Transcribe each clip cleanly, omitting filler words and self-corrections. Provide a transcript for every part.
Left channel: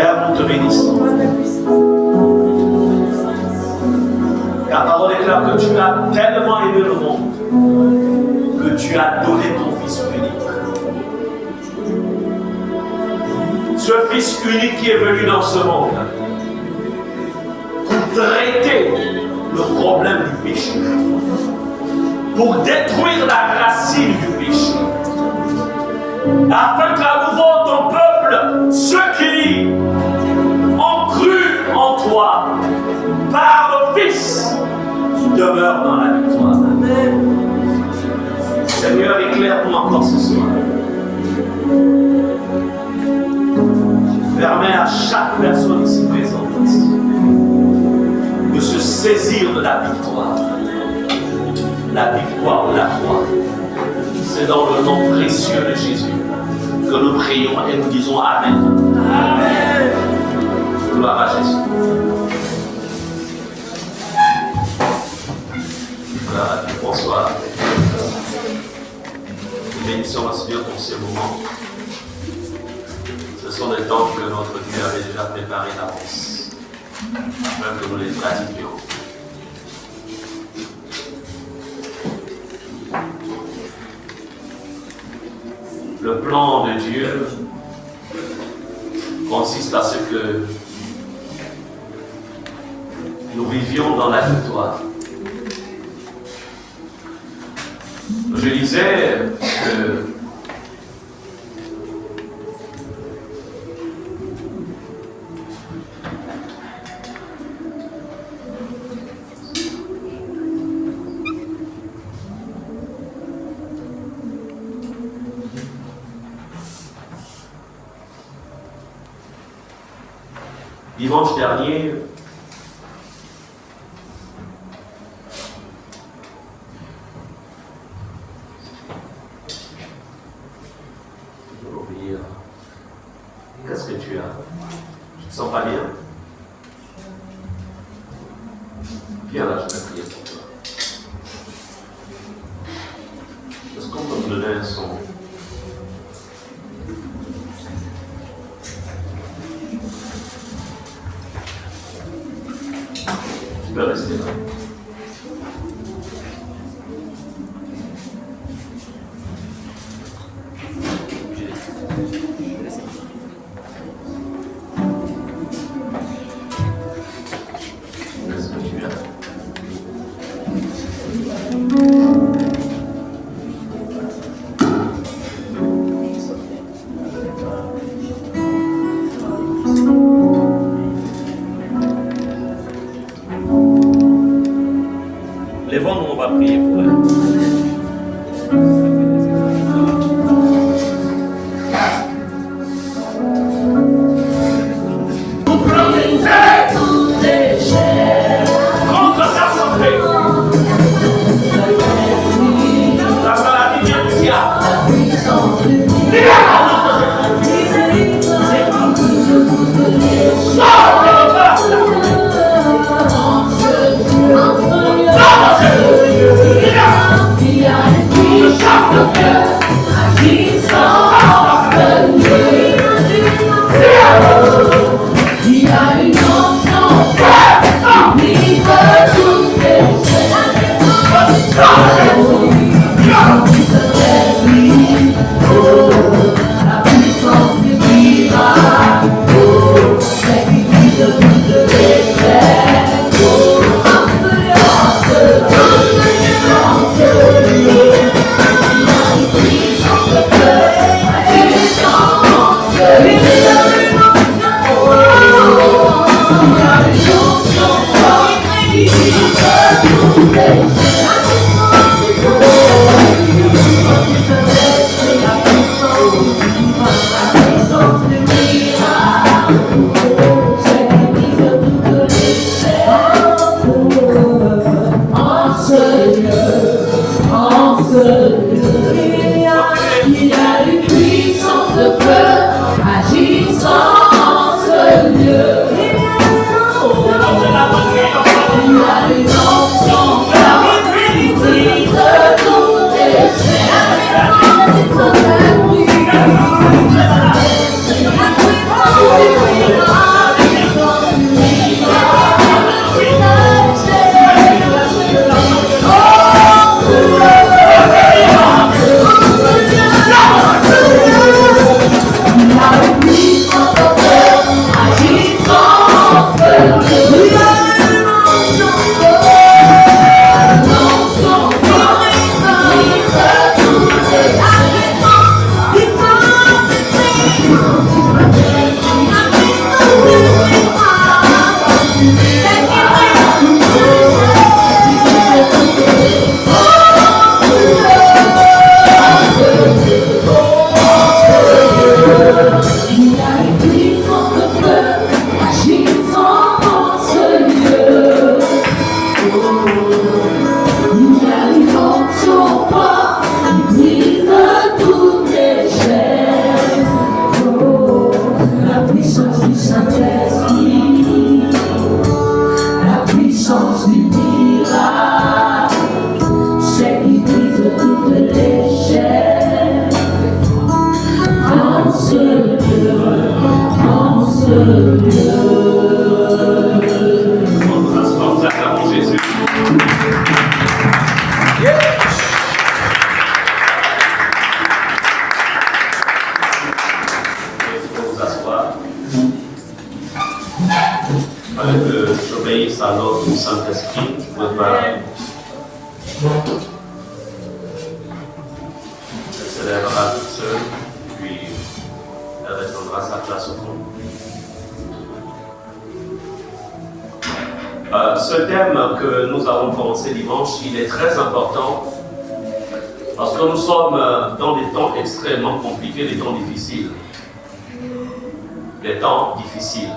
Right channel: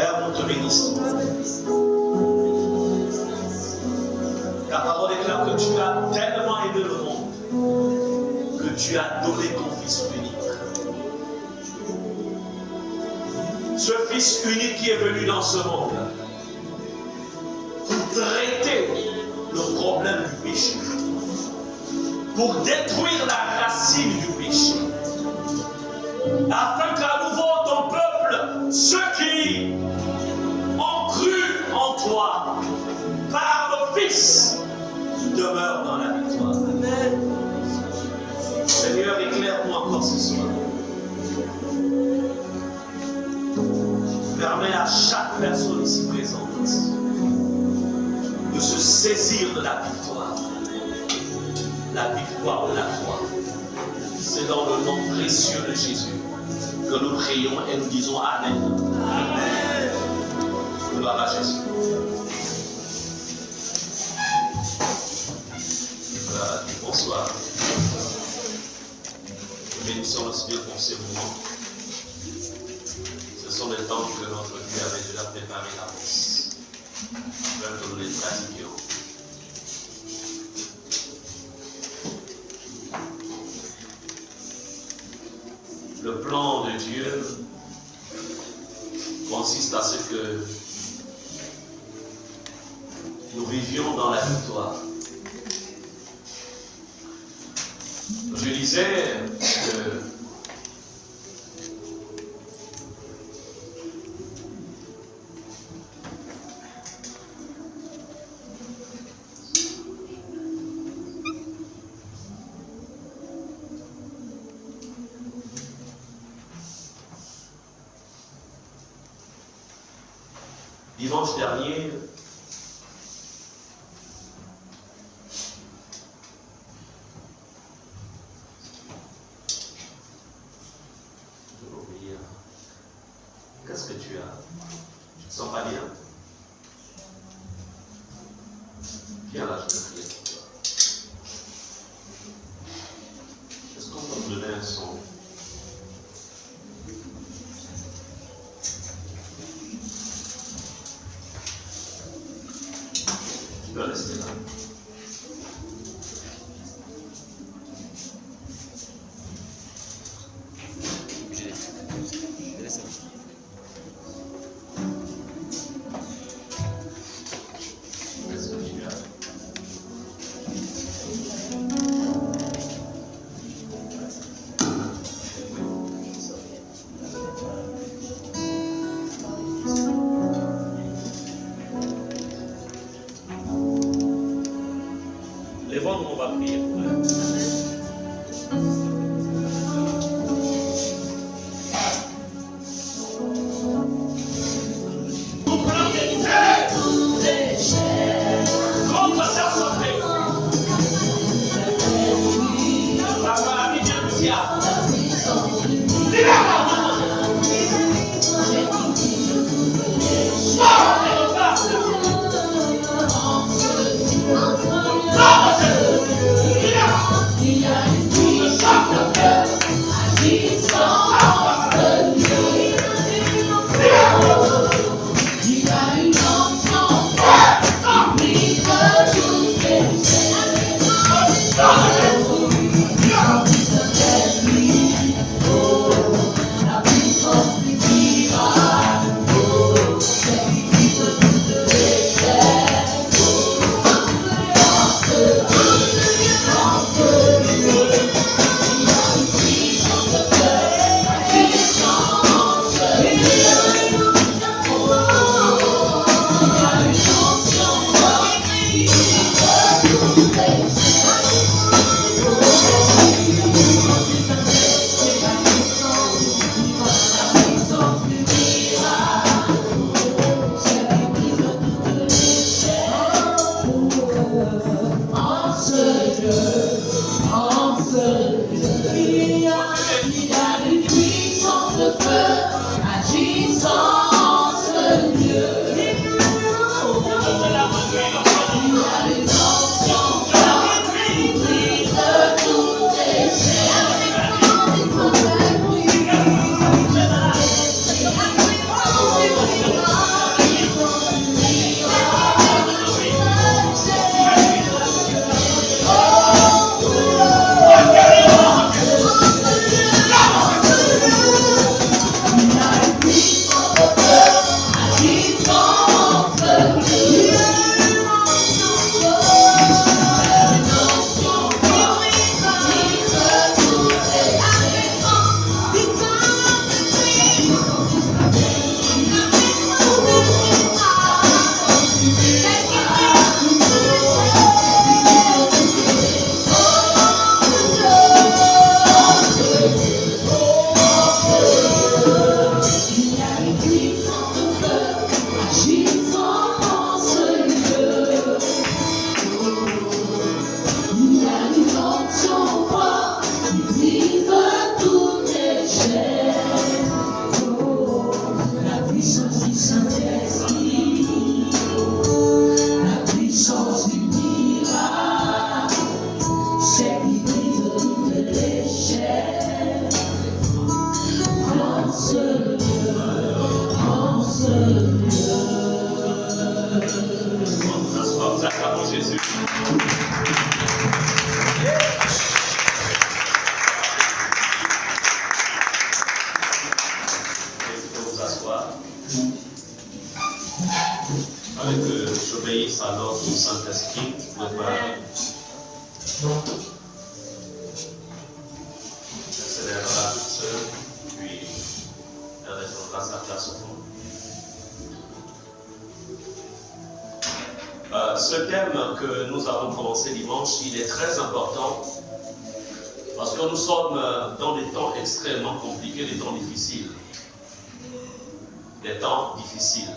Père, nous te bénissons. Ta parole déclare que tu as tellement aimé le monde que tu as donné ton Fils unique. Ce Fils unique qui est venu dans ce monde pour traiter le problème du péché, pour détruire la racine du péché, afin qu'à nouveau ton peuple, ceux qui ont cru en toi, par le Fils, demeurent dans la victoire. Amen. Seigneur, éclaire-nous encore ce soir. Permets à chaque personne ici présente de se saisir de la victoire. La victoire de la croix. C'est dans le nom précieux de Jésus que nous prions et nous disons Amen. Amen. Gloire à Jésus. Gloire à Dieu. Bonsoir. Nous bénissons le Seigneur pour ces moments. Ce sont des temps que notre Dieu avait déjà préparés d'avance, afin que nous les pratiquions. Le plan de Dieu consiste à ce que nous vivions dans la victoire. Je disais que dimanche dernier, qu'est-ce que tu as? Tu ne te sens pas bien? Viens là, je vais prier pour toi. Est-ce qu'on peut me donner un son? Tu peux rester là. puissance du Saint-Esprit, la puissance du miracle, c'est qui brise toutes les chaînes. En ce lieu, en ce lieu. On acclame Jésus. Que j'obéisse à l'ordre du Saint-Esprit, je ne peux pas. Elle se lèvera toute seule, puis elle restera sa place au fond. Ce thème que nous avons commencé dimanche, il est très important parce que nous sommes dans des temps extrêmement compliqués, des temps difficiles. Des temps difficiles.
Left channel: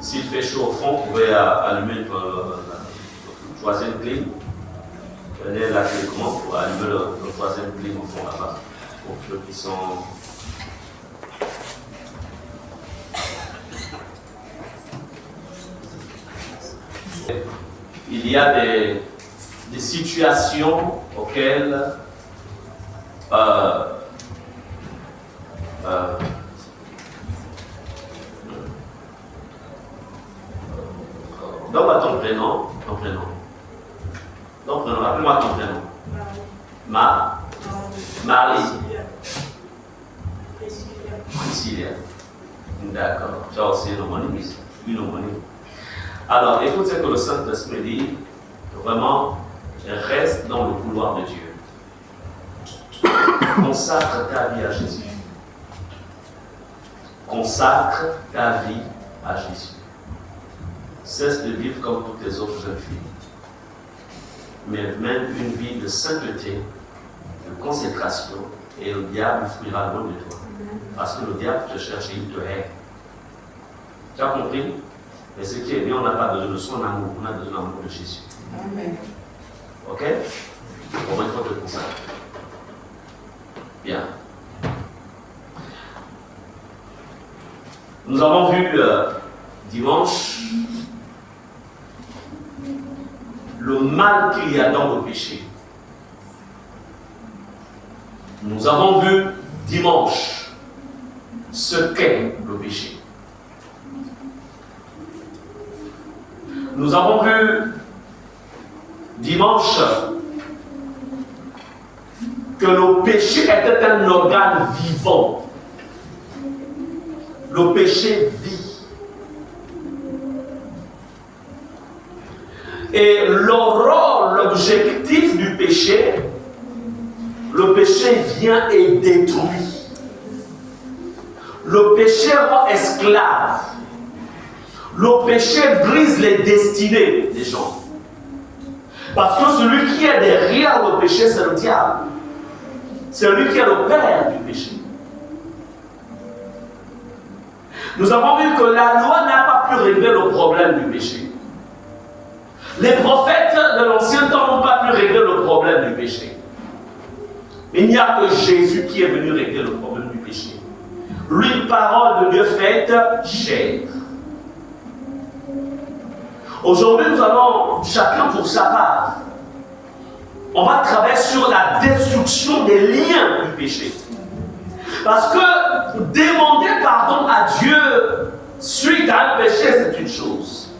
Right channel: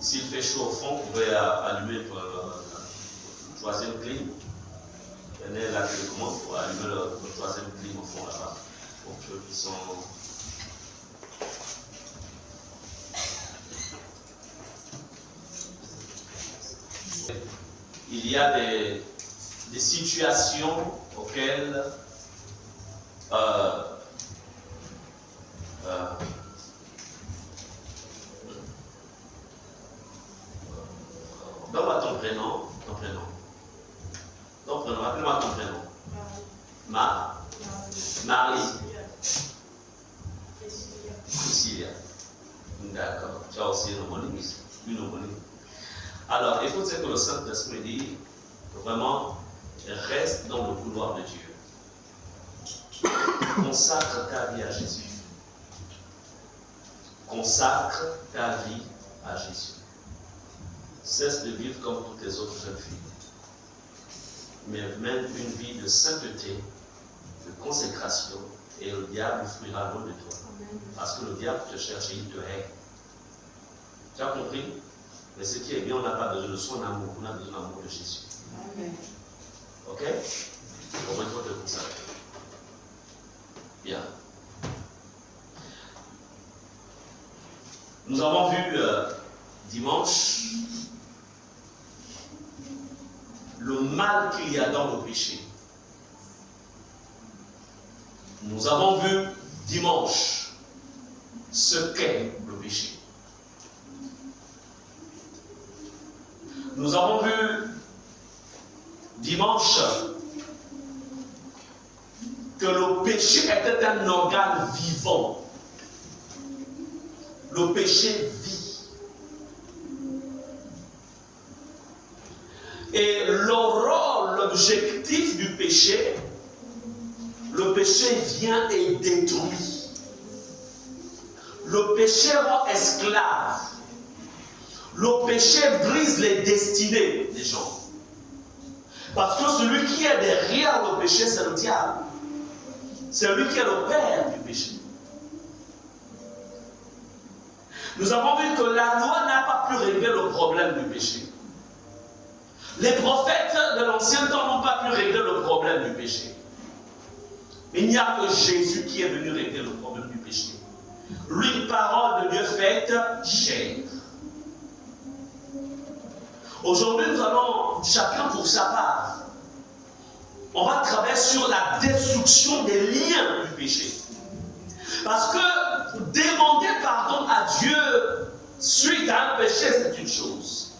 S'il fait chaud au fond, vous pouvez allumer le troisième clim. Prenez la télécommande pour allumer le troisième clim au fond là-bas. Pour ceux qui sont. Il y a des situations auxquelles donne-moi ton prénom. Appelle-moi ton prénom. Marie. Priscilla. D'accord. Tu as aussi une homonyme. Alors, écoute ce que le Saint-Esprit dit. Vraiment, reste dans le couloir de Dieu. Consacre ta vie à Jésus. Consacre ta vie à Jésus. Cesse de vivre comme toutes les autres jeunes filles. Mais mène une vie de sainteté, de consécration, et le diable fuira loin de toi. Parce que le diable te cherche et il te hait. Tu as compris? Mais ce qui est bien, on n'a pas besoin de son amour, on a besoin de l'amour de Jésus. Amen. Ok? On va être comme ça. Bien. Nous avons vu dimanche le mal qu'il y a dans le péché. Nous avons vu dimanche ce qu'est le péché. Nous avons vu dimanche que le péché était un organe vivant. Le péché vit. Et le rôle, l'objectif du péché, le péché vient et détruit. Le péché rend esclave. Le péché brise les destinées des gens. Parce que celui qui est derrière le péché, c'est le diable. C'est lui qui est le père du péché. Nous avons vu que la loi n'a pas pu régler le problème du péché. Les prophètes de l'ancien temps n'ont pas pu régler le problème du péché. Il n'y a que Jésus qui est venu régler le problème du péché. Lui, parole de Dieu faite chair. Aujourd'hui, nous allons, chacun pour sa part, on va travailler sur la destruction des liens du péché. Parce que demander pardon à Dieu suite à un péché, c'est une chose.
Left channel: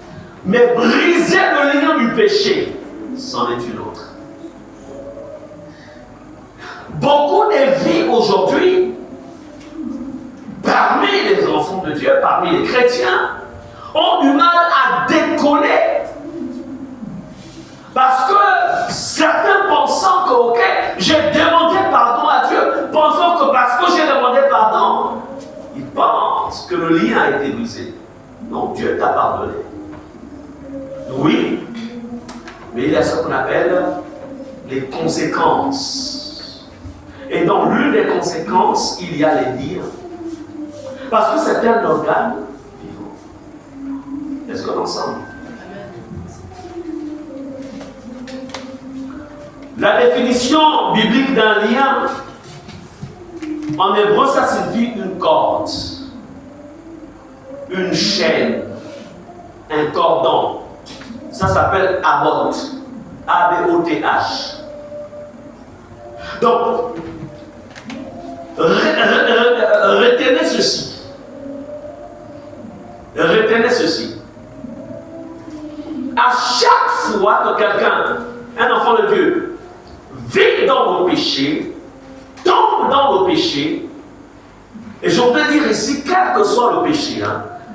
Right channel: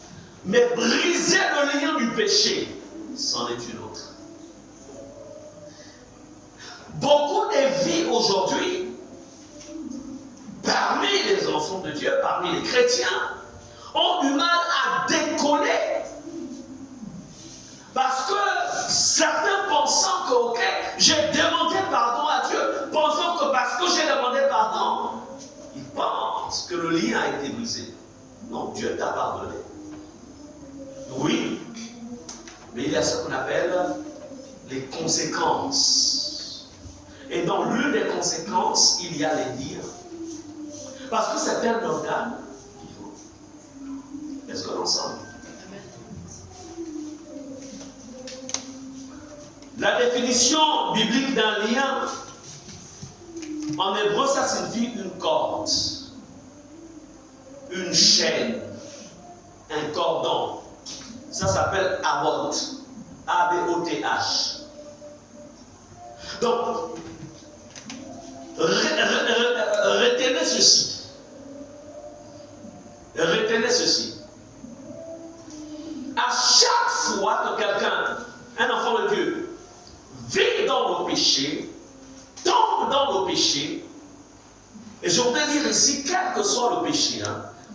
Mais briser le lien du péché, c'en est une autre. Beaucoup de vies aujourd'hui, parmi les enfants de Dieu, parmi les chrétiens, ont du mal à décoller. Parce que certains pensant que, ok, j'ai demandé pardon à Dieu, pensant que parce que j'ai demandé pardon, ils pensent que le lien a été brisé. Non, Dieu t'a pardonné. Oui, mais il y a ce qu'on appelle les conséquences. Et dans l'une des conséquences, il y a les dires. Parce que c'est un organe vivant. Est-ce qu'on est ensemble? La définition biblique d'un lien, en hébreu, ça signifie une corde. une chaîne, un cordon. Ça s'appelle abot. A-B-O-T-H. Donc, retenez ceci. Retenez ceci. À chaque fois que quelqu'un, un enfant de Dieu, vit dans le péché, tombe dans le péché, et je voudrais dire ici, quel que soit le péché,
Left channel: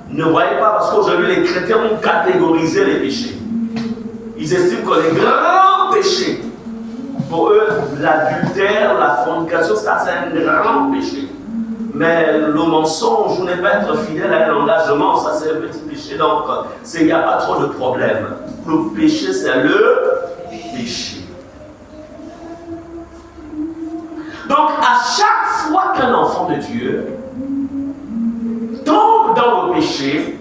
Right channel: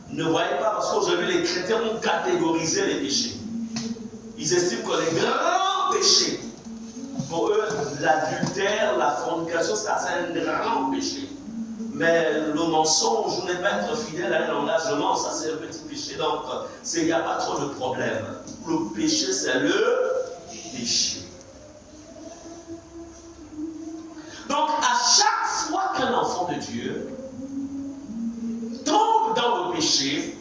ne voyez pas, parce qu'aujourd'hui les chrétiens ont catégorisé les péchés. Ils estiment que les grands péchés, pour eux, l'adultère, la fornication, ça c'est un grand péché. Mais le mensonge, ou ne pas être fidèle à un engagement, ça c'est un petit péché. Donc, il n'y a pas trop de problème. Le péché, c'est le péché. Donc, à chaque fois qu'un enfant de Dieu tombe dans le péché,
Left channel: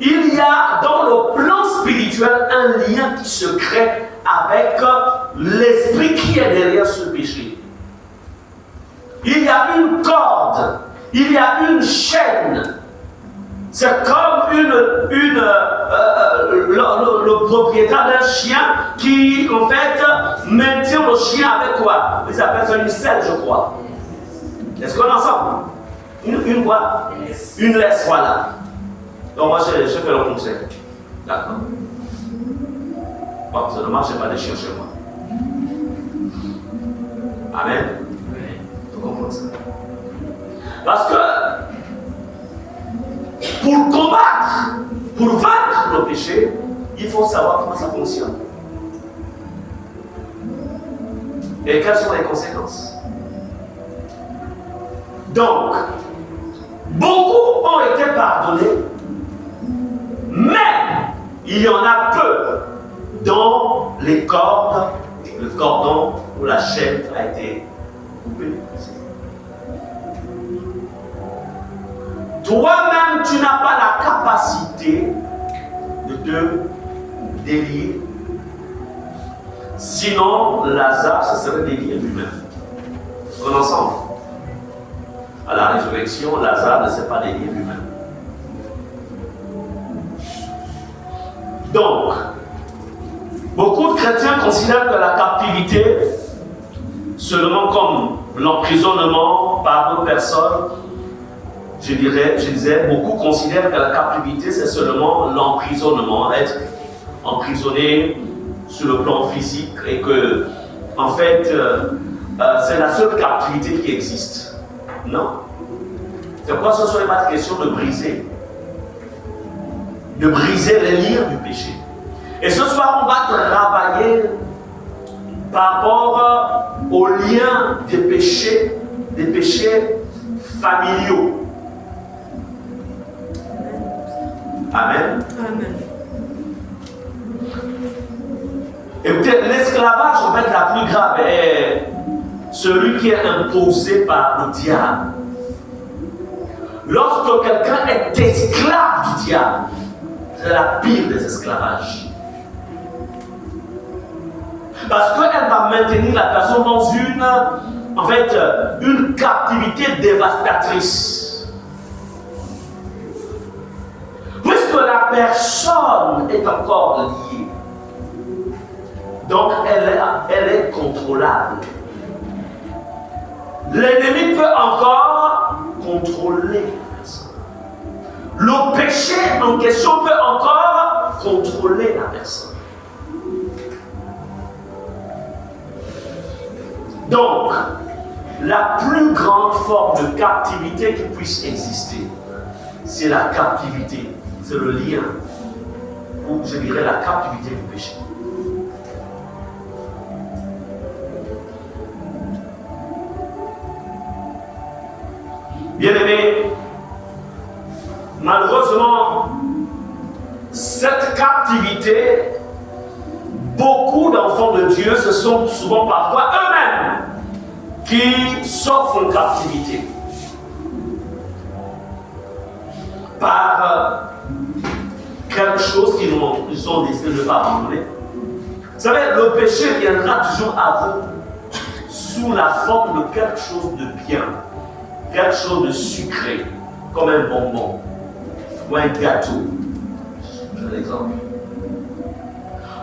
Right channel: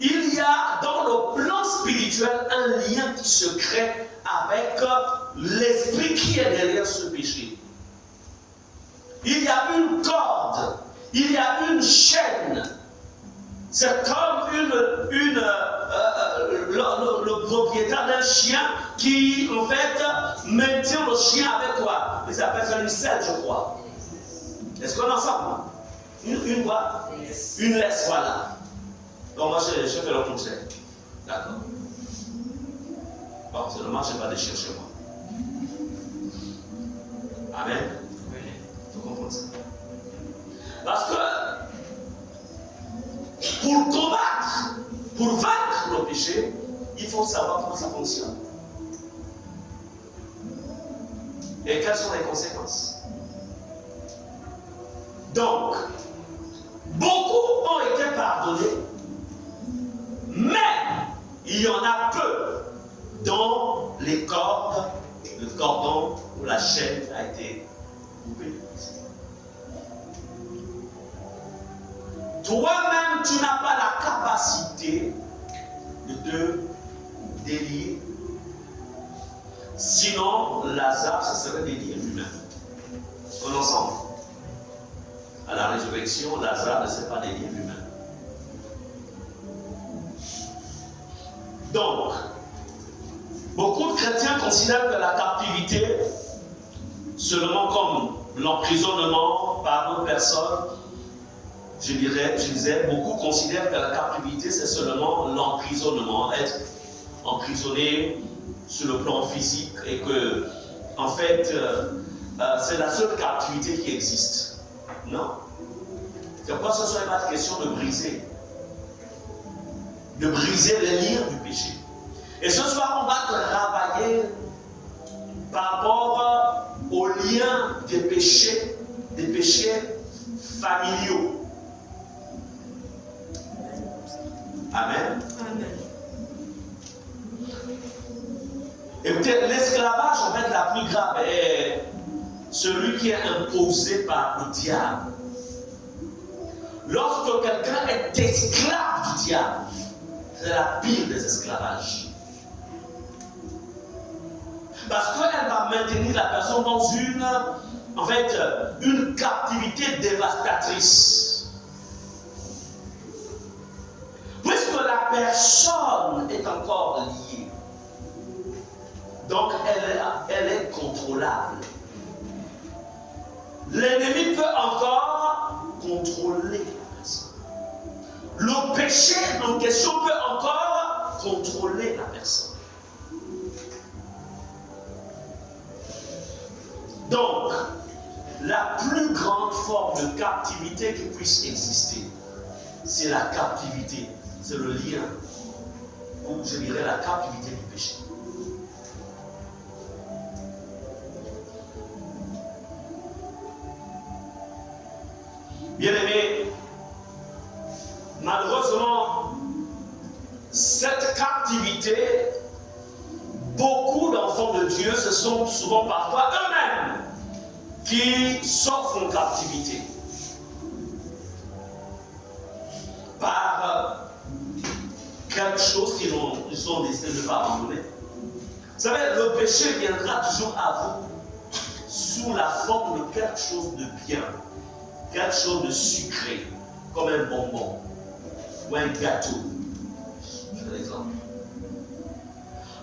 il y a dans le plan spirituel un lien qui se crée avec l'esprit qui est derrière ce péché. Il y a une corde, il y a une chaîne. C'est comme le propriétaire d'un chien qui, en fait, maintient le chien avec quoi? Ils appellent ça une selle, je crois. Est-ce qu'on est ensemble? Une quoi? Une laisse, voilà. Donc moi, je fais le contraire. D'accord. Bon, c'est dommage, je n'ai pas de chien chez moi. Amen. Vous comprenez ça? Parce que pour combattre, pour vaincre le péché, il faut savoir comment ça fonctionne. Et quelles sont les conséquences. Donc, beaucoup ont été pardonnés, mais il y en a peu dont les cordes, le cordon ou la chaîne a été coupée. Toi-même, tu n'as pas la capacité de te délier. Sinon, Lazare se serait délié lui-même. On est ensemble. À la résurrection, Lazare ne s'est pas délié lui-même. Donc, beaucoup de chrétiens considèrent que la captivité, seulement comme l'emprisonnement par d'autres personnes, je disais, beaucoup considèrent que la captivité, c'est seulement l'emprisonnement, être emprisonné sur le plan physique, et que, en fait, c'est la seule captivité qui existe. Non. C'est pourquoi ce ne serait pas question de briser les liens du péché. Et ce soir, on va travailler par rapport aux liens des péchés familiaux. Amen. Amen. Et peut-être l'esclavage, en fait, la plus grave est celui qui est imposé par le diable. Lorsque quelqu'un est esclave du diable, c'est la pire des esclavages. Parce qu'elle va maintenir la personne dans une captivité dévastatrice. Puisque la personne est encore liée, donc elle est contrôlable. L'ennemi peut encore contrôler la personne. Le péché en question peut encore contrôler la personne. Donc, la plus grande forme de captivité qui puisse exister, c'est la captivité, c'est le lien, ou je dirais la captivité du péché. Bien-aimés, malheureusement, cette captivité, beaucoup d'enfants de Dieu, ce sont souvent parfois eux-mêmes qui s'offrent une captivité par quelque chose qu'ils ont décidé de ne pas abandonner. Vous savez, le péché viendra toujours à vous sous la forme de quelque chose de bien, quelque chose de sucré, comme un bonbon. ou un gâteau. Je vais l'exemple.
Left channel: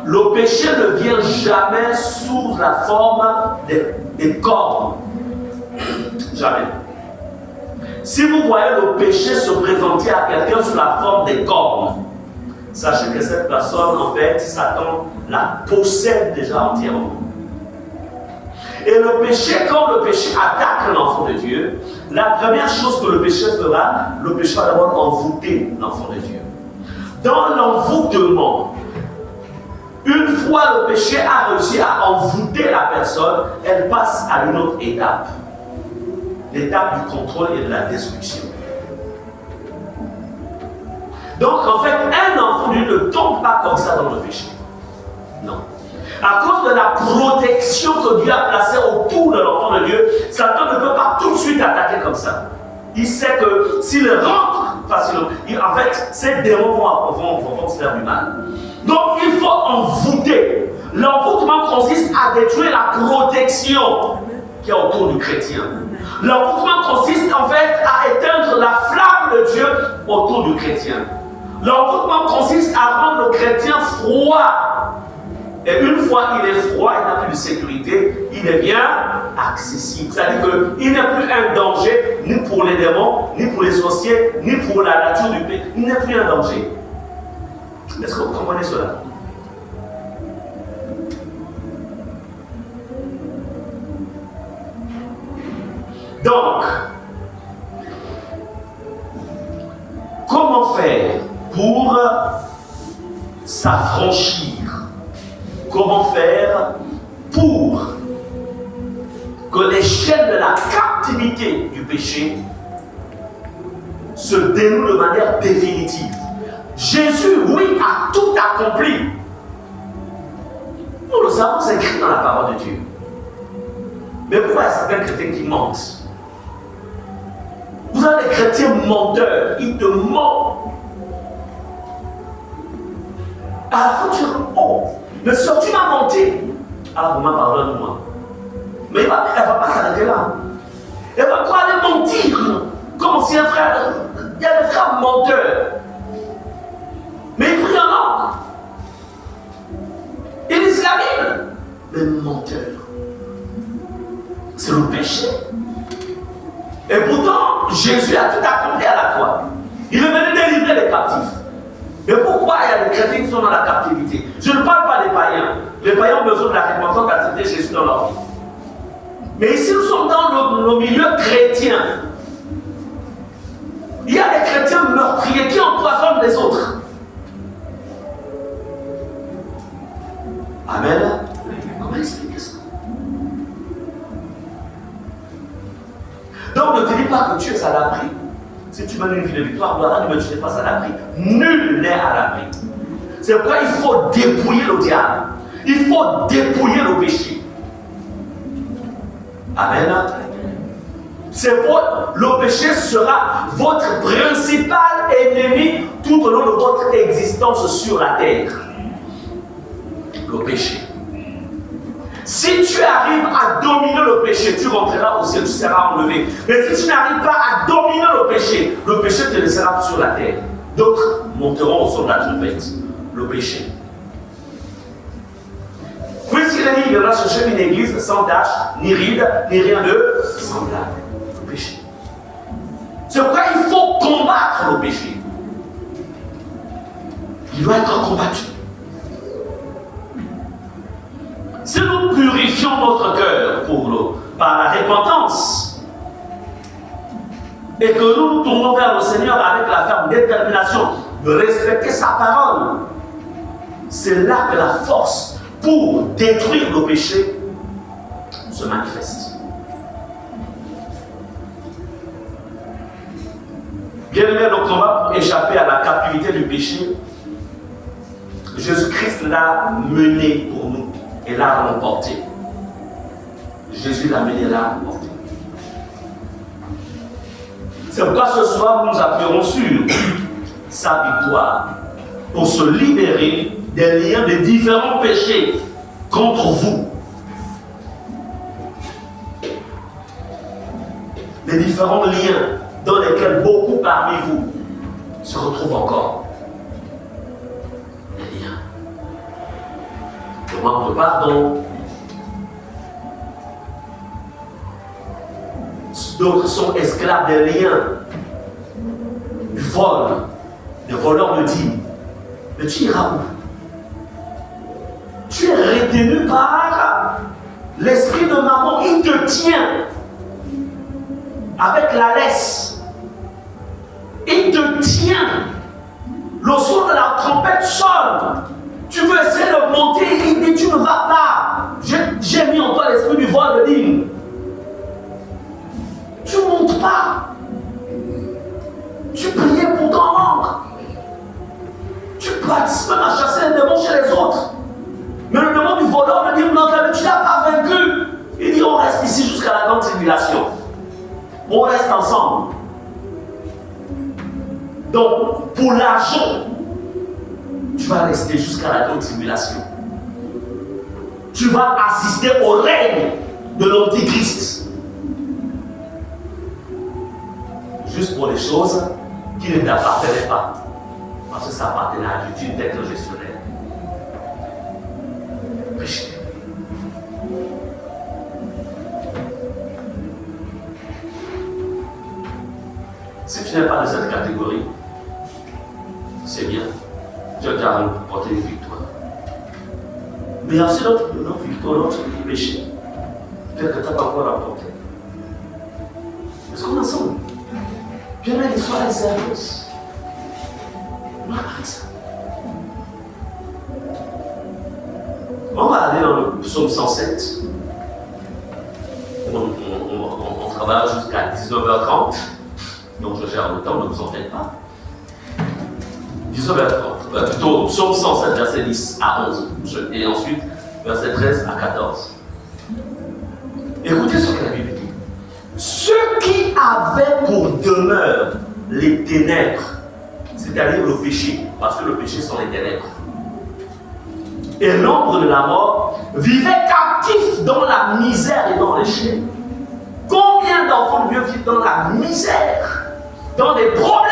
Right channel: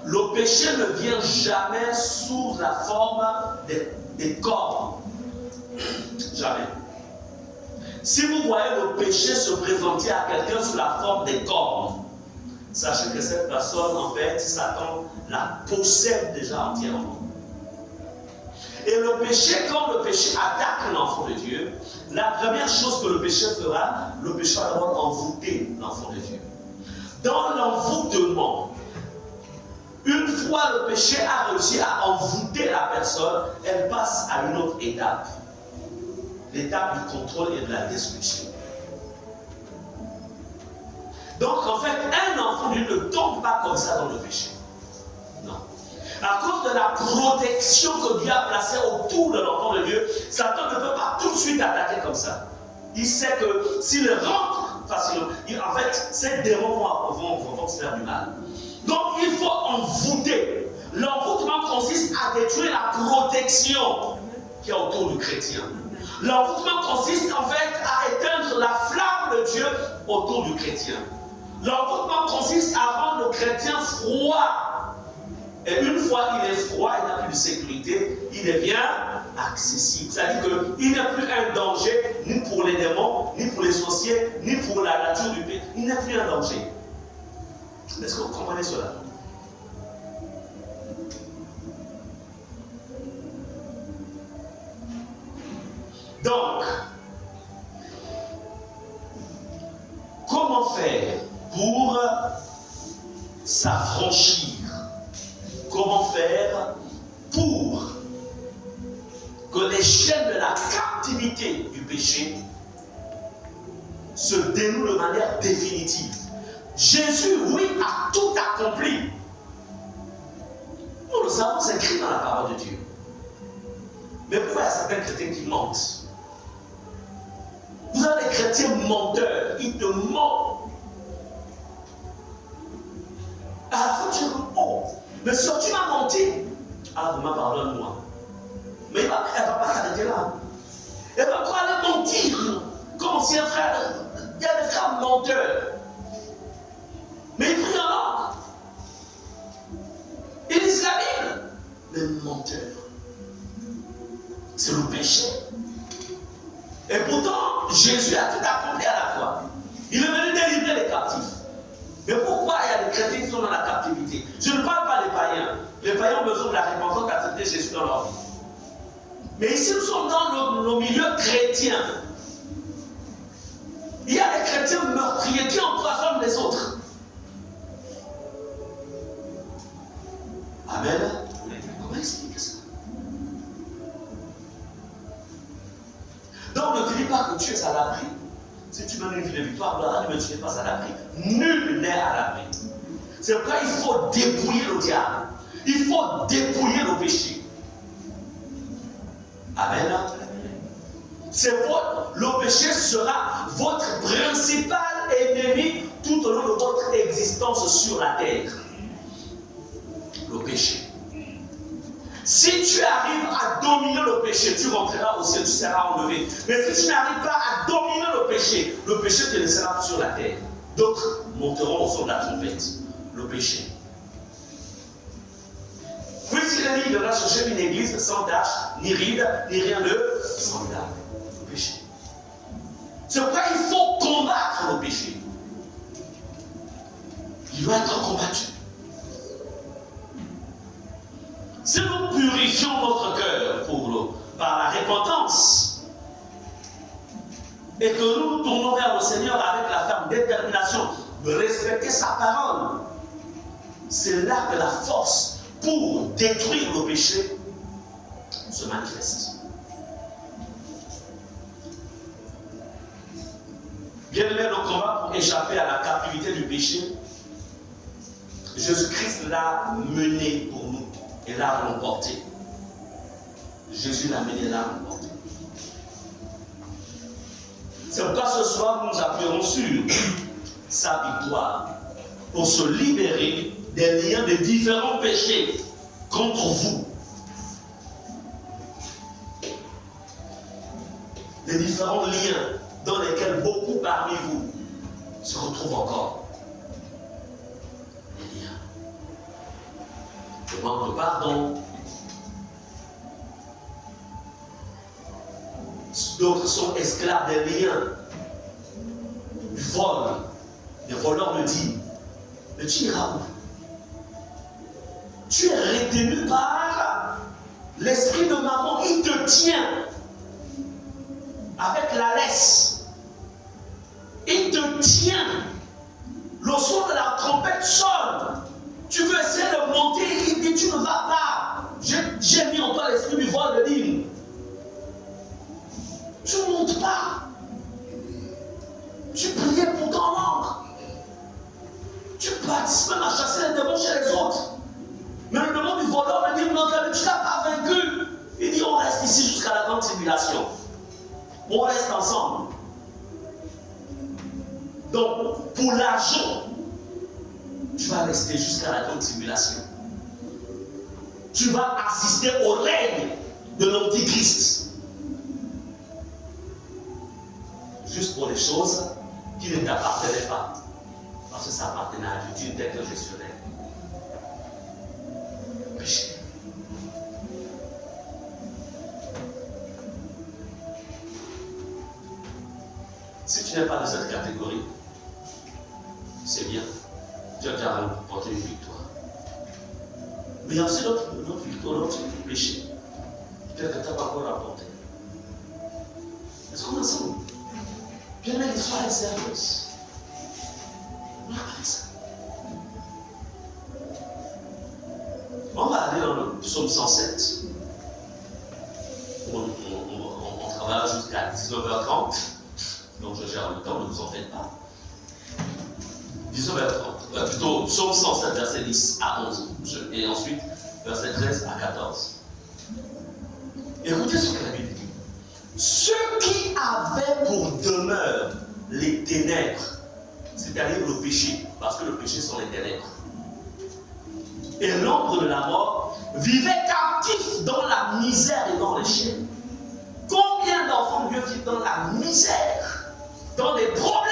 Le péché ne vient jamais sous la forme des cornes. Jamais. Si vous voyez le péché se présenter à quelqu'un sous la forme des cornes, sachez que cette personne, en fait, Satan la possède déjà entièrement. Et le péché, quand le péché attaque l'enfant de Dieu, la première chose que le péché fera, le péché va d'abord envoûter l'enfant de Dieu. Dans l'envoûtement, une fois le péché a réussi à envoûter la personne, elle passe à une autre étape. L'étape du contrôle et de la destruction. Donc en fait, un enfant de Dieu ne tombe pas comme ça dans le péché. Non. À cause de la protection que Dieu a placée autour de l'enfant de Dieu, Satan ne peut pas tout de suite attaquer comme ça. Il sait que s'il rentre facilement, en fait, ces démons vont se faire du mal. Donc il faut envoûter. L'envoûtement consiste à détruire la protection qui est autour du chrétien. L'envoûtement consiste en fait à éteindre la flamme de Dieu autour du chrétien. L'envoûtement consiste à rendre le chrétien froid. Et une fois qu'il est froid, il n'a plus de sécurité, il devient accessible. C'est-à-dire qu'il n'est plus un danger, ni pour les démons, ni pour les sorciers, ni pour la nature du pays. Il n'est plus un danger. Est-ce que vous comprenez cela? Donc, comment faire pour s'affranchir? Comment faire pour que les chaînes de la captivité du péché se dénouent de manière définitive? Jésus, oui, a tout accompli. Nous le savons, c'est écrit dans la parole de Dieu. Mais pourquoi il y a certains chrétiens qui mentent? Vous avez des chrétiens menteurs, ils te mentent. À la fin, tu dis, oh, mais si tu m'as menti, ah, vraiment, pardonne-moi. Mais elle ne va pas s'arrêter là. Elle va pas aller mentir. Comme si un frère, il y a des frères menteurs. Mais il prie en langue. Il lit la Bible. Mais menteur. C'est le péché. Et pourtant, Jésus a tout accompli à la croix. Il est venu délivrer les captifs. Mais pourquoi il y a des chrétiens qui sont dans la captivité? Je ne parle pas des païens. Les païens ont besoin de la repentance d'accepter Jésus dans leur vie. Mais ici, nous sommes dans le milieu chrétien. Il y a des chrétiens meurtriers qui empoisonnent les autres. Amen. Comment expliquer ça? Donc ne te dis pas que tu es à l'abri. Si tu mènes une vie de victoire, mais tu n'es pas à l'abri. Nul n'est à l'abri. C'est pourquoi il faut dépouiller le diable. Il faut dépouiller le péché. Amen. Le péché sera votre principal ennemi tout au long de votre existence sur la terre. Le péché. Si tu arrives à dominer le péché, tu rentreras au ciel, tu seras enlevé. Mais si tu n'arrives pas à dominer le péché te laissera sur la terre. D'autres monteront au son de la trompette. Le péché. Puisqu'il est dit, il viendra chercher une église sans tache, ni ride, ni rien de semblable. Le péché. C'est pourquoi il faut combattre le péché. Il doit être combattu. Si nous purifions notre cœur par la repentance et que nous nous tournons vers le Seigneur avec la ferme détermination de respecter sa parole, c'est là que la force pour détruire le péché se manifeste. Bien-aimé, le combat pour échapper à la captivité du péché, Jésus-Christ l'a mené pour nous. Et l'a remporté. Jésus l'a mené, l'a remporté. C'est pourquoi ce soir nous appellerons sur sa victoire pour se libérer des liens de différents péchés contre vous. Les différents liens dans lesquels beaucoup parmi vous se retrouve encore les liens. Le manque de pardon. D'autres sont esclaves des liens, du vol, des voleurs de dîmes. Mais tu iras où? Tu es retenu par l'esprit de maman, il te tient avec la laisse. Il te tient. Le son de la trompette sonne. Tu veux essayer de monter, il dit tu ne vas pas. J'ai mis en toi l'esprit du vol de dîme. Tu ne montes pas. Tu priais pour ton manque. Tu participes même à chasser les démons chez les autres. Mais le démon du voleur me dit non, tu n'as pas vaincu. Il dit on reste ici jusqu'à la grande tribulation. On reste ensemble. Donc, pour l'argent, tu vas rester jusqu'à la grande tribulation. Tu vas assister au règne de l'Antichrist. Juste pour les choses qui ne t'appartenaient pas. Parce que ça appartenait à Dieu, tu n'étais que le gestionnaire. Péché. Si tu n'es pas de cette catégorie, c'est bien. Tu as déjà remporté une victoire. Mais il y a aussi notre victoire, notre péché. Peut-être que tu n'as pas encore remporté. Est-ce qu'on est ensemble? Puis là, l'histoire est sérieuse. On va parler ça. On va aller dans le psaume 107. On travaille jusqu'à 19h30. Donc je gère le temps, ne vous en faites pas. 19h30. Plutôt psaume 107, verset 10 à 11. Et ensuite, verset 13 à 14. Écoutez ce que la Bible dit. Ceux qui avaient pour demeure les ténèbres, c'est-à-dire le péché, parce que le péché sont les ténèbres, et l'ombre de la mort, vivaient captifs dans la misère et dans les chaînes. Combien d'enfants de Dieu vivent dans la misère, dans des problèmes,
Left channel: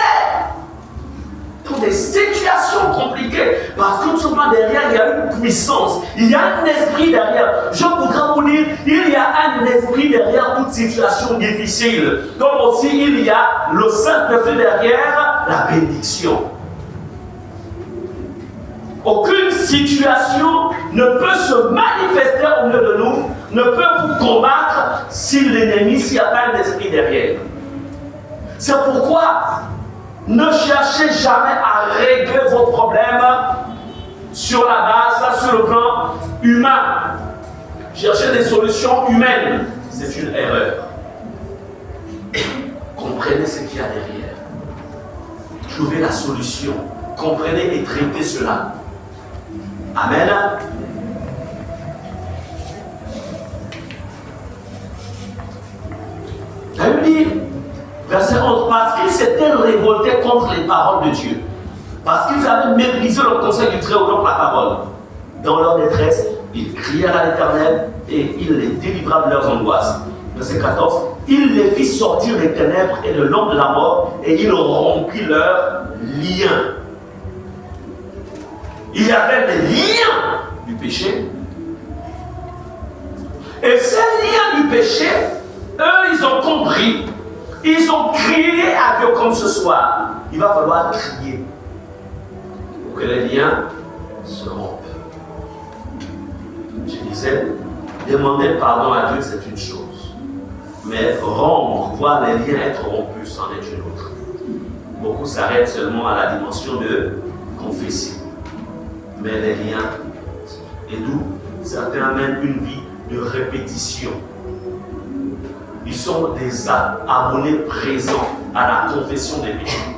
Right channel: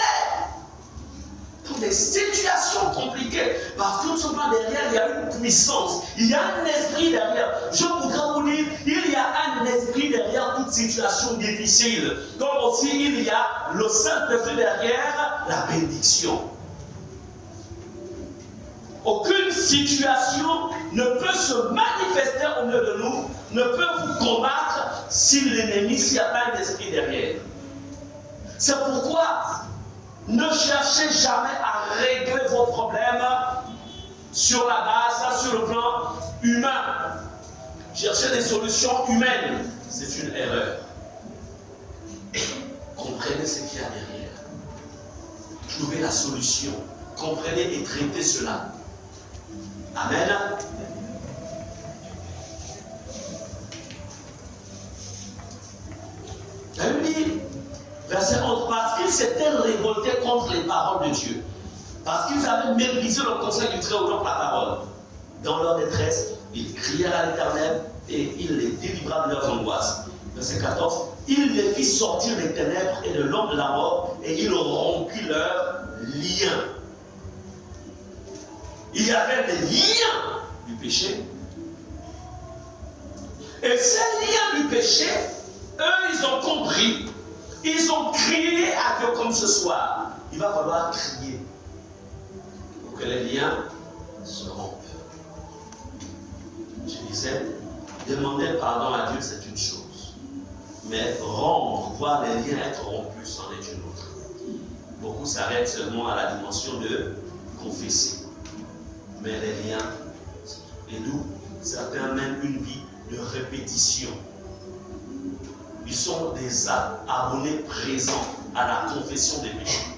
dans des situations compliquées, parce que tout simplement derrière, il y a une puissance, il y a un esprit derrière. Je voudrais vous dire, il y a un esprit derrière toute situation difficile. Comme aussi, il y a le Saint-Esprit derrière la bénédiction. Aucune situation ne peut se manifester au milieu de nous, ne peut vous combattre si l'ennemi, s'il n'y a pas un esprit derrière. C'est pourquoi ne cherchez jamais à régler vos problèmes sur la base, sur le plan humain. Chercher des solutions humaines, c'est une erreur. Comprenez ce qu'il y a derrière. Trouvez la solution. Comprenez et traitez cela. Amen. La Bible dit, verset 11, parce qu'ils s'étaient révoltés contre les paroles de Dieu, parce qu'ils avaient méprisé le conseil du Très-Haut, donc la parole. Dans leur détresse, ils crièrent à l'Éternel et il les délivra de leurs angoisses. Verset 14, il les fit sortir des ténèbres et de l'ombre de la mort et il rompit leurs liens. Il y avait des liens du péché. Et ces liens du péché, eux, ils ont compris. Ils ont crié à Dieu comme ce soir. Il va falloir crier pour que les liens se rompent. Je disais, demander pardon à Dieu, c'est une chose. Mais rompre, voir les liens être rompus, c'en est une autre. Beaucoup s'arrêtent seulement à la dimension de confesser. Mais les liens, et d'où certains mènent une vie de répétition. Ils sont des abonnés présents à la confession des péchés.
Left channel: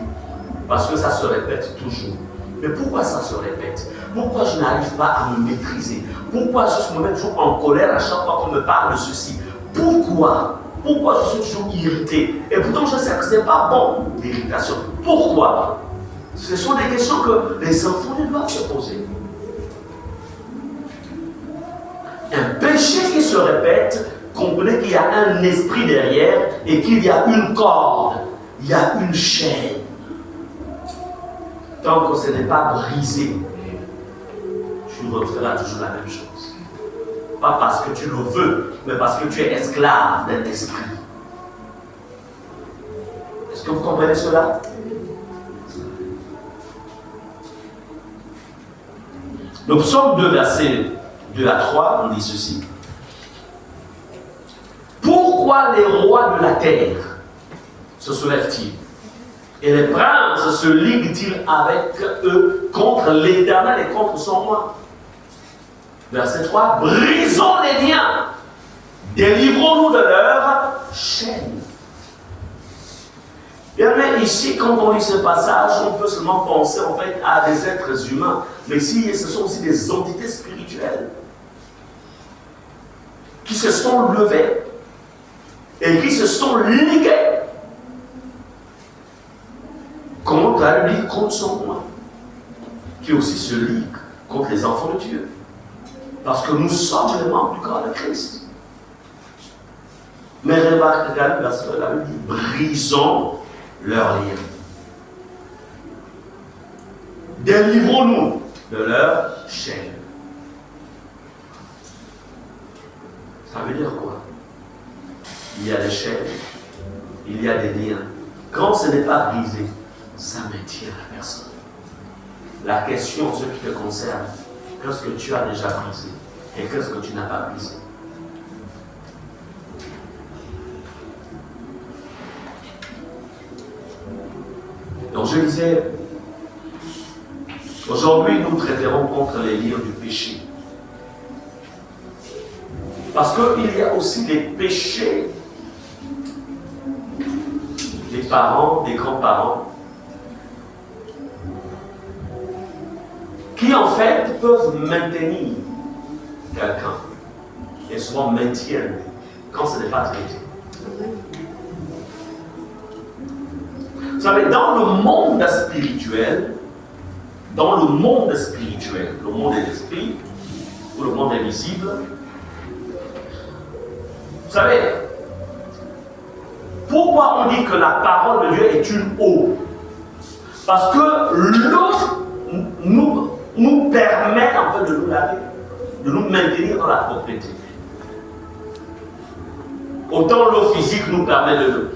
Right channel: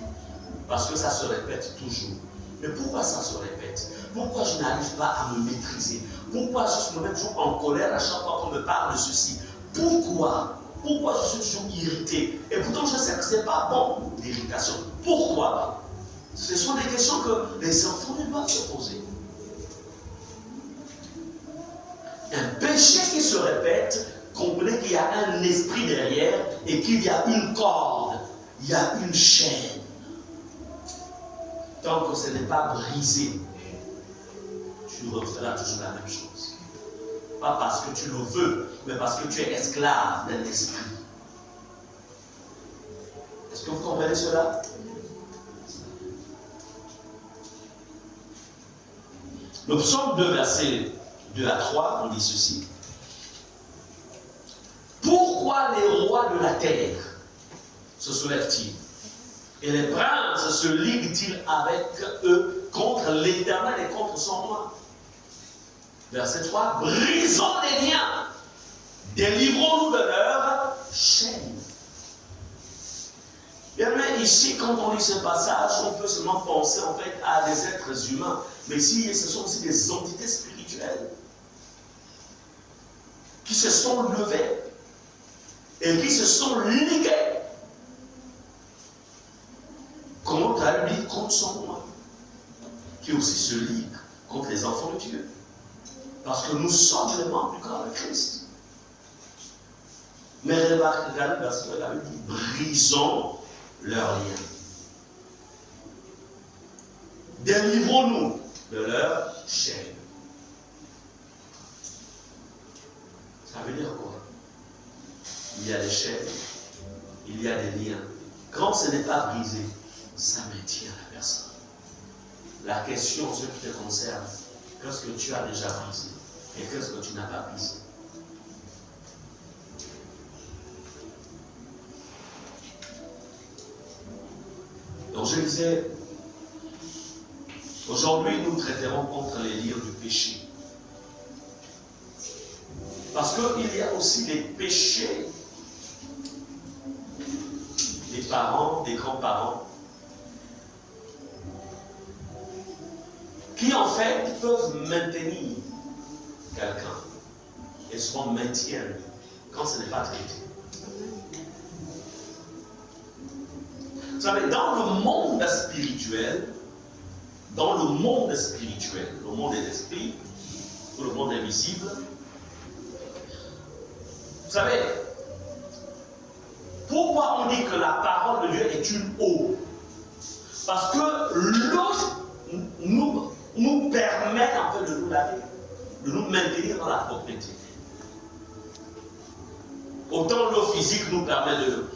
Parce que ça se répète toujours. Mais pourquoi ça se répète? Pourquoi je n'arrive pas à me maîtriser? Pourquoi je me mets toujours en colère à chaque fois qu'on me parle de ceci? Pourquoi je suis toujours irrité? Et pourtant je sais que ce n'est pas bon, l'irritation. Pourquoi? Ce sont des questions que les enfants doivent se poser. Un péché qui se répète, comprenez qu'il y a un esprit derrière et qu'il y a une corde, il y a une chaîne. tant que ce n'est pas brisé, tu referas toujours la même chose. Pas parce que tu le veux, mais parce que tu es esclave d'un esprit. Est-ce que vous comprenez cela? Le psaume 2, versets 2 à 3, on dit ceci. Pourquoi les rois de la terre se soulèvent-ils et les princes se liguent-ils avec eux contre l'Éternel et contre son roi? Verset 3. Brisons les liens, délivrons-nous de leurs chaînes. Bien, mais ici, quand on lit ce passage, on peut seulement penser en fait à des êtres humains. Mais ici, ce sont aussi des entités spirituelles qui se sont levées et qui se sont liguées contre lui, contre son roi, qui aussi se ligue contre les enfants de Dieu. Parce que nous sommes les membres du corps de Christ. Mais remarquez, la Bible dit, brisons leurs liens. Délivrons-nous de leurs chaînes. Ça veut dire quoi? Il y a des chaînes, il y a des liens. Quand ce n'est pas brisé, ça maintient la personne. La question, ce qui te concerne, qu'est-ce que tu as déjà brisé et qu'est-ce que tu n'as pas brisé? Donc je disais, aujourd'hui nous traiterons contre les liens du péché. Parce qu'il y a aussi des péchés des parents, des grands-parents, qui en fait peuvent maintenir quelqu'un et souvent maintiennent quand ce n'est pas traité. Vous savez, dans le monde spirituel, le monde des esprits, ou le monde invisible, vous savez, pourquoi on dit que la parole de Dieu est une eau? Parce que l'eau nous permet en fait de nous laver, de nous maintenir dans la propriété. Autant l'eau physique nous permet de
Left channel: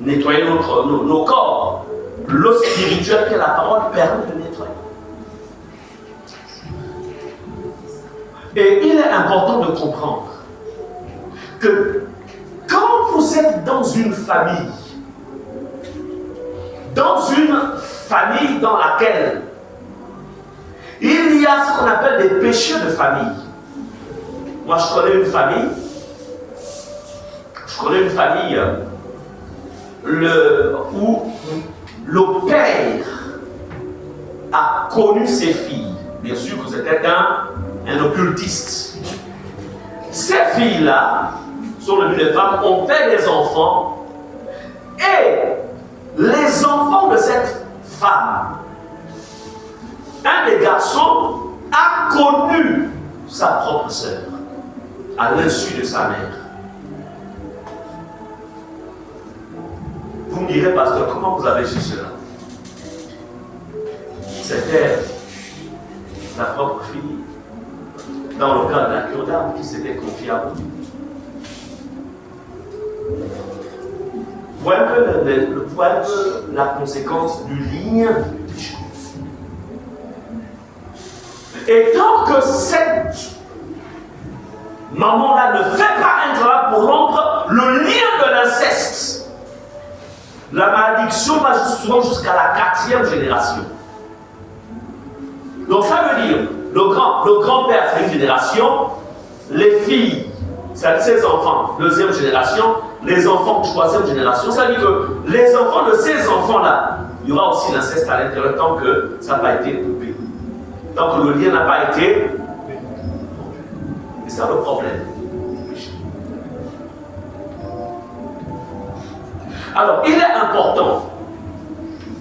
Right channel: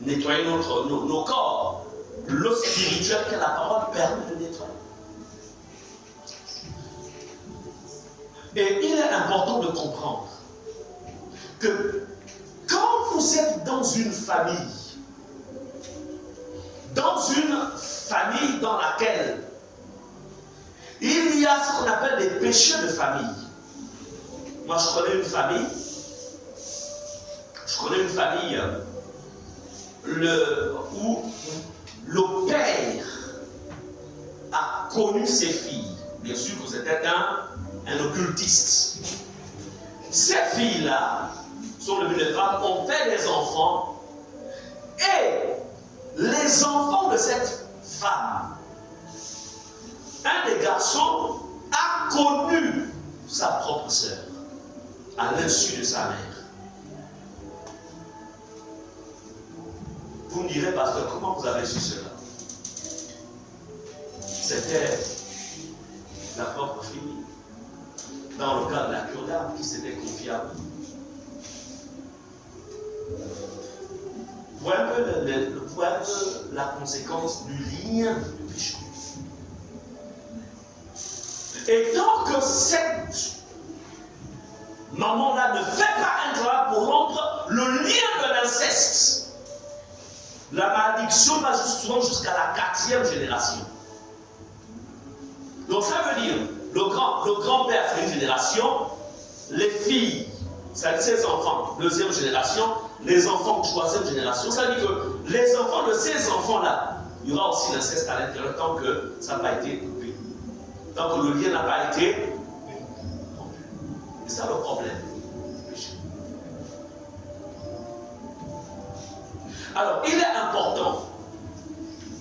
nettoyer nos corps, l'eau spirituelle que la parole permet de nettoyer. Et il est important de comprendre que quand vous êtes dans une famille dans laquelle il y a ce qu'on appelle des péchés de famille. Moi, je connais une famille où le père a connu ses filles. Bien sûr que c'était un occultiste. Ces filles-là sont devenues des femmes, ont fait des enfants, et les enfants de cette femme, un des garçons a connu sa propre sœur à l'insu de sa mère. Vous me direz, pasteur, comment vous avez su cela? C'était la propre fille, dans le cas de la cure d'âme, qui s'était confiée à vous. Voilà un peu la conséquence du lien du péché. Et tant que cette maman-là ne fait pas un travail pour rompre le lien de l'inceste, la malédiction va souvent jusqu'à la 4e génération. Donc ça veut dire, le grand-père fait une génération, les filles, ses enfants, 2e génération, les enfants de 3e génération. Ça veut dire que les enfants de ces enfants-là, il y aura aussi l'inceste à l'intérieur tant que ça n'a pas été coupé. Tant que le lien n'a pas été. Et c'est ça le problème. Alors, il est important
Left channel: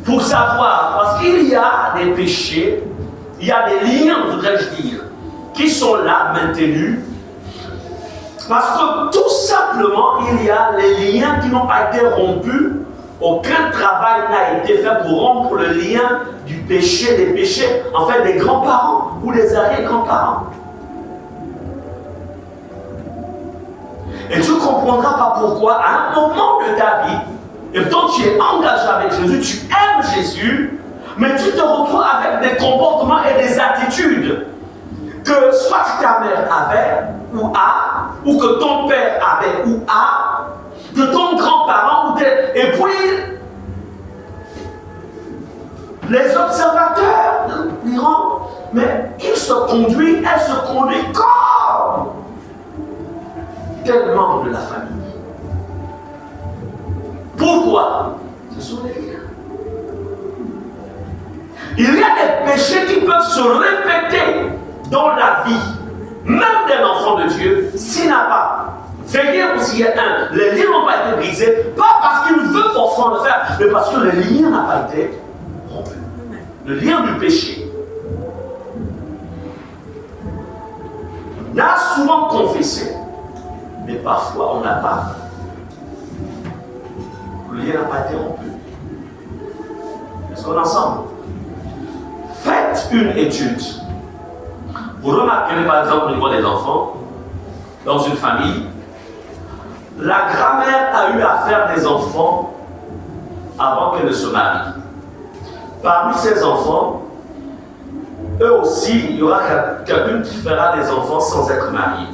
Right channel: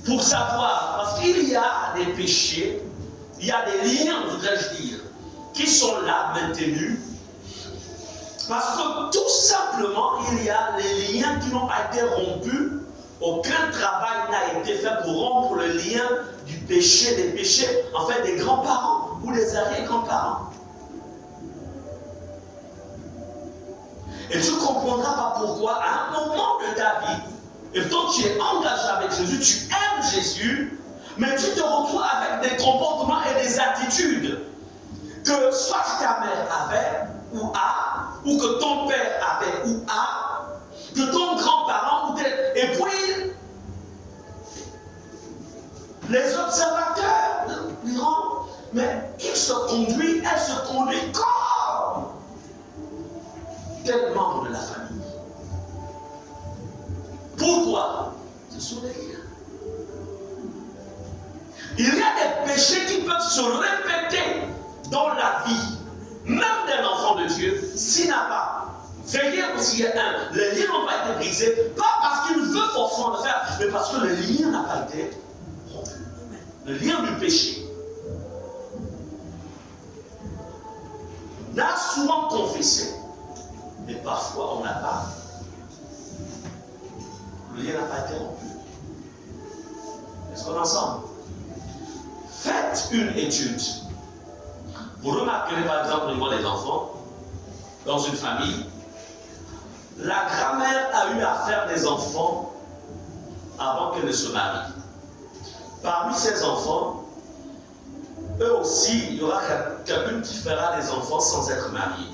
pour savoir, parce qu'il y a des péchés, il y a des liens, voudrais-je dire, qui sont là, maintenus, parce que tout simplement, il y a les liens qui n'ont pas été rompus, aucun travail n'a été fait pour rompre le lien du péché, des péchés, en fait, des grands-parents ou des arrière-grands-parents. Et tu ne comprendras pas pourquoi, à un moment de ta vie, et pourtant tu es engagé avec Jésus, tu aimes Jésus, mais tu te retrouves avec des comportements et des attitudes que soit ta mère avait ou a, ou que ton père avait ou a, que ton grand-parent ou tes... Et puis, les observateurs diront, mais il se conduit, elle se conduit comme tel membre de la famille. Pourquoi? Ce sont les liens. Il y a des péchés qui peuvent se répéter dans la vie, même d'un enfant de Dieu, s'il n'a pas veillé aussi un. Les liens n'ont pas été brisés, pas parce qu'il veut forcément le faire, mais parce que le lien n'a pas été rompu. Le lien du péché. On a souvent confessé, mais parfois on n'a pas. Le lien n'a pas été rompu. Est-ce qu'on est ensemble? Faites une étude. Vous remarquerez par exemple au niveau des enfants, dans une famille, la grand-mère a eu à faire des enfants avant qu'elle ne se marie. Parmi ces enfants, eux aussi, il y aura quelqu'un qui fera des enfants sans être marié.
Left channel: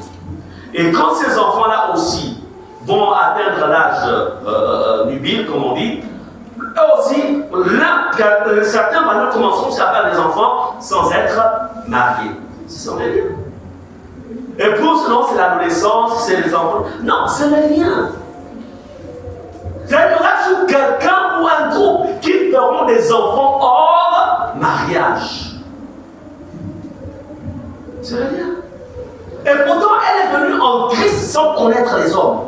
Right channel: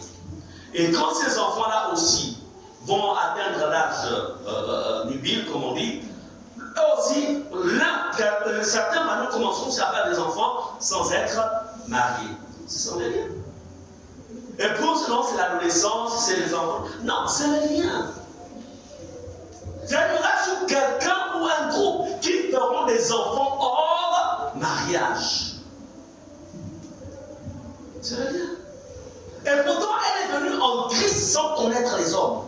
Et quand ces enfants-là aussi vont atteindre l'âge nubile, comme on dit, eux aussi, certains maintenant commenceront à faire des enfants sans être mariés. Ce sont les liens. Et pour sinon, c'est l'adolescence, c'est les enfants. Non, c'est les liens. Il y aura toujours quelqu'un ou un groupe qui feront des enfants hors mariage. C'est le lien. Et pourtant, elle est venue en Christ sans connaître les hommes.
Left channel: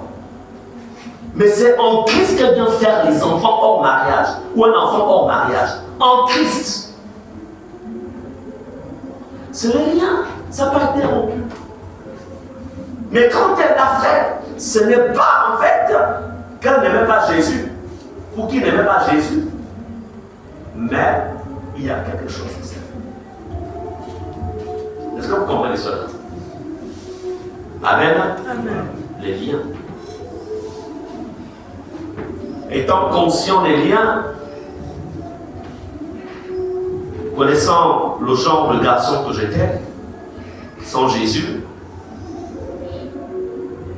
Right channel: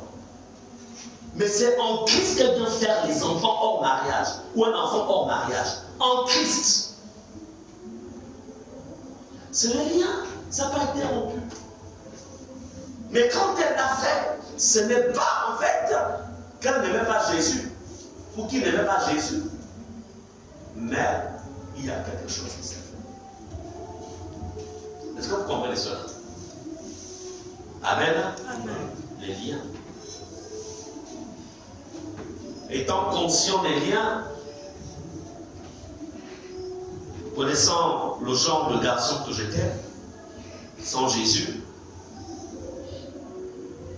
Mais c'est en Christ qu'elle vient faire les enfants hors mariage. Ou un enfant hors mariage. En Christ. C'est le lien. Ça n'a pas été rompu. Mais quand elle l'a fait, ce n'est pas en fait qu'elle n'aimait pas Jésus. Ou qu'il n'aimait pas Jésus. Mais il y a quelque chose qui s'est fait. Est-ce que vous comprenez cela? Amen. Amen. Les liens. Étant conscient des liens, connaissant le genre de garçon que j'étais, sans Jésus,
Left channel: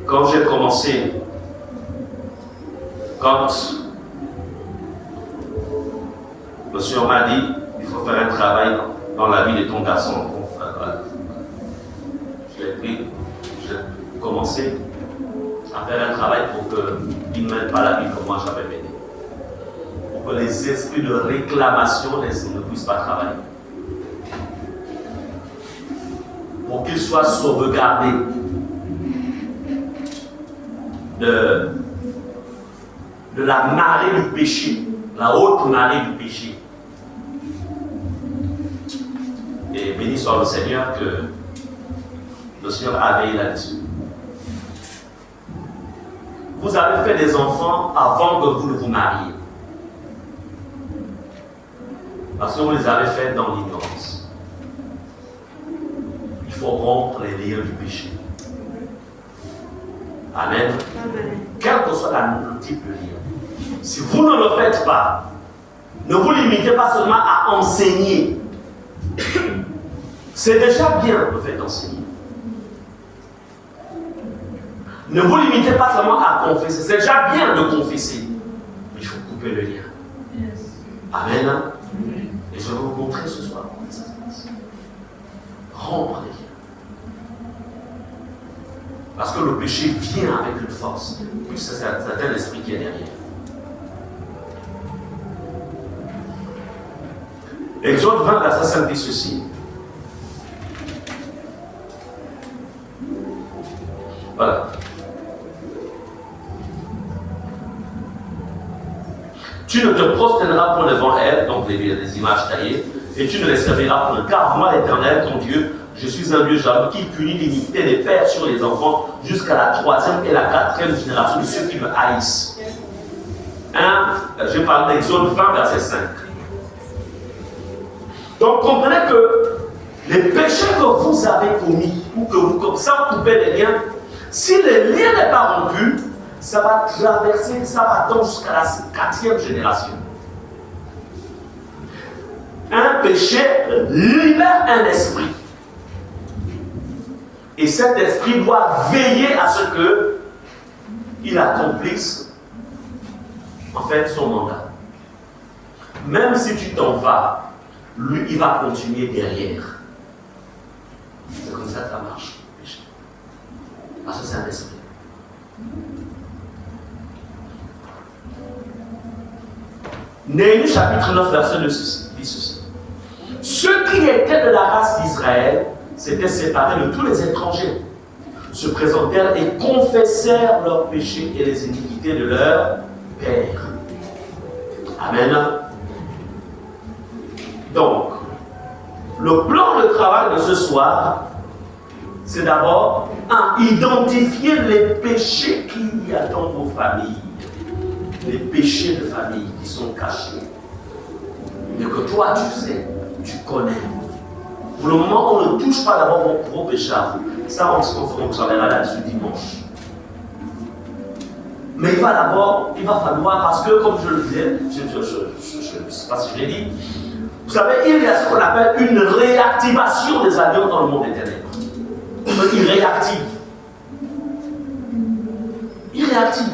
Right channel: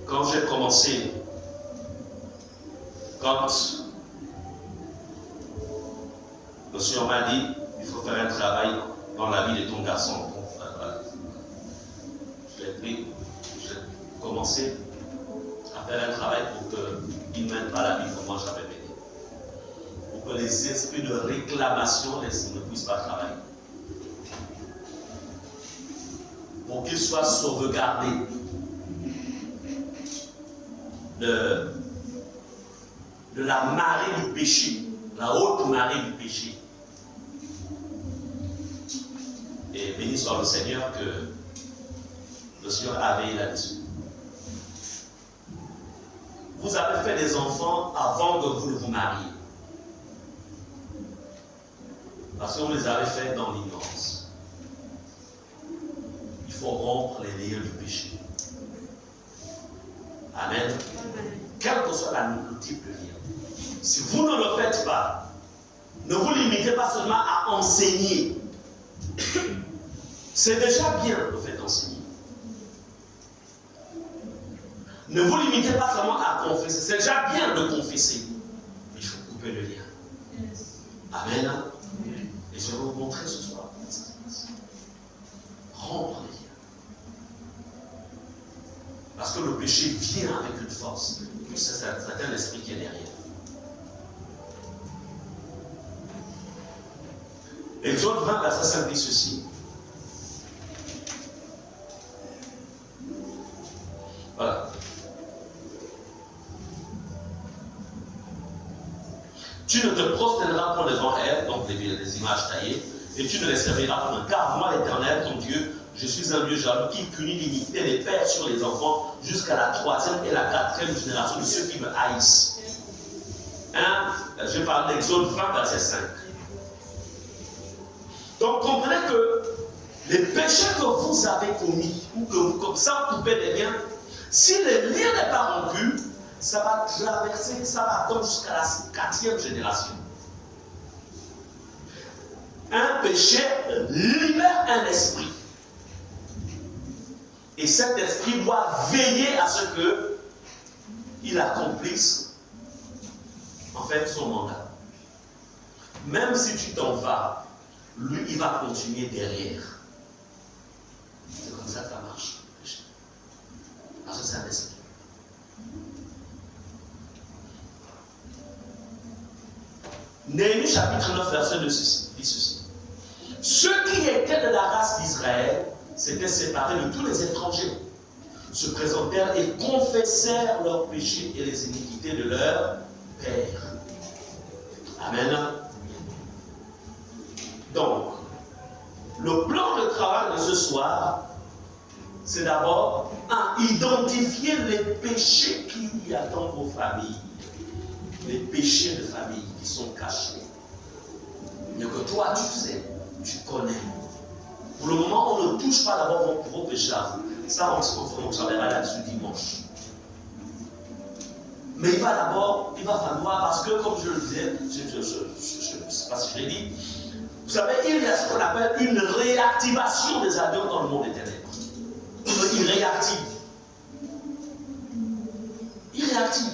quand j'ai commencé, quand le Seigneur m'a dit, il faut faire un travail dans la vie de ton garçon. J'ai commencé à faire un travail pour qu'il ne mène pas la vie comme moi j'avais mené. Pour que les esprits de réclamation ne puissent pas travailler. Pour qu'ils soient sauvegardés de la marée du péché, la haute marée du péché. Et béni soit le Seigneur que le Seigneur a veillé là-dessus. Vous avez fait des enfants avant que vous ne vous mariez. Parce que vous les avez faits dans l'ignorance. Il faut rompre les liens du péché. Amen. Amen. Quel que soit le type de lien. Si vous ne le faites pas, ne vous limitez pas seulement à enseigner. C'est déjà bien le fait d'enseigner. Ne vous limitez pas seulement à confesser. C'est déjà bien de confesser. Mais il faut couper le lien. Yes. Amen. Amen. Et je vais vous montrer ce soir comment ça se passe. Rompre les liens. Parce que le péché vient avec une force. Puis c'est un esprit qui est derrière. Exode 20, verset 5 dit ceci. Voilà. Tu ne te prosterneras point devant elle, donc des images taillées, et tu ne les serviras point. Car moi, l'Éternel, ton Dieu, je suis un Dieu jaloux qui punit l'iniquité des pères sur les enfants jusqu'à la 3e et la 4e génération de ceux qui me haïssent. Je parle d'Exode 20, verset 5. Donc comprenez que les péchés que vous avez commis, ou que vous, comme ça, vous coupez les liens, si le lien n'est pas rompu, ça va traverser, ça va attendre jusqu'à la 4e génération. Un péché libère un esprit. Et cet esprit doit veiller à ce qu'il accomplisse en fait son mandat. Même si tu t'en vas, lui, il va continuer derrière. C'est comme ça que ça marche, le péché. Parce que c'est un esprit. Néhémie chapitre 9, verset 6 dit ceci. Ceux qui étaient de la race d'Israël s'étaient séparés de tous les étrangers, se présentèrent et confessèrent leurs péchés et les iniquités de leur père. Amen. Donc, le plan de travail de ce soir, c'est d'abord identifier les péchés qu'il y a dans vos familles, les péchés de famille qui sont cachés, mais que toi tu sais, tu connais. Pour le moment, on ne touche pas d'abord vos péchés à vous. Ça, on travaillera là-dessus dimanche. Mais il va falloir, parce que comme je le disais, je ne sais pas si je l'ai dit, vous savez, il y a ce qu'on appelle une réactivation des alliances dans le monde éternel. Il réactive. Il réactive.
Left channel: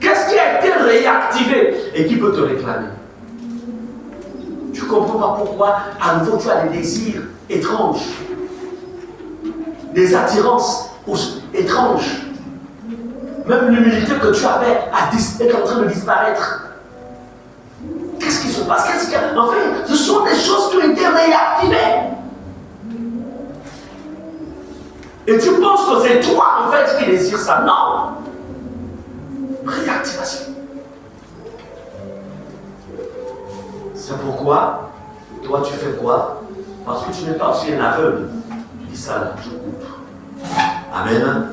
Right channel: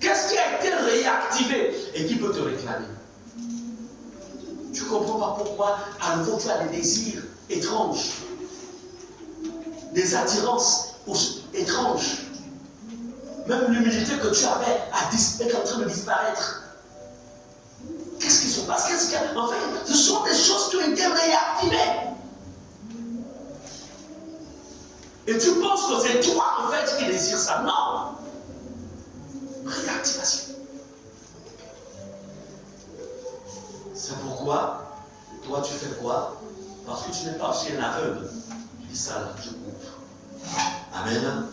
Qu'est-ce qui a été réactivé et qui peut te réclamer? Tu ne comprends pas pourquoi à nouveau tu as des désirs étranges, des attirances étranges. Même l'humilité que tu avais est en train de disparaître. Qu'est-ce qui se passe? En fait, ce sont des choses qui ont été réactivées. Et tu penses que c'est toi en fait qui désire ça. Non. Réactivation. C'est pourquoi, toi tu fais quoi? Parce que tu n'es pas aussi un aveugle. Tu dis ça là, je coupe. Amen.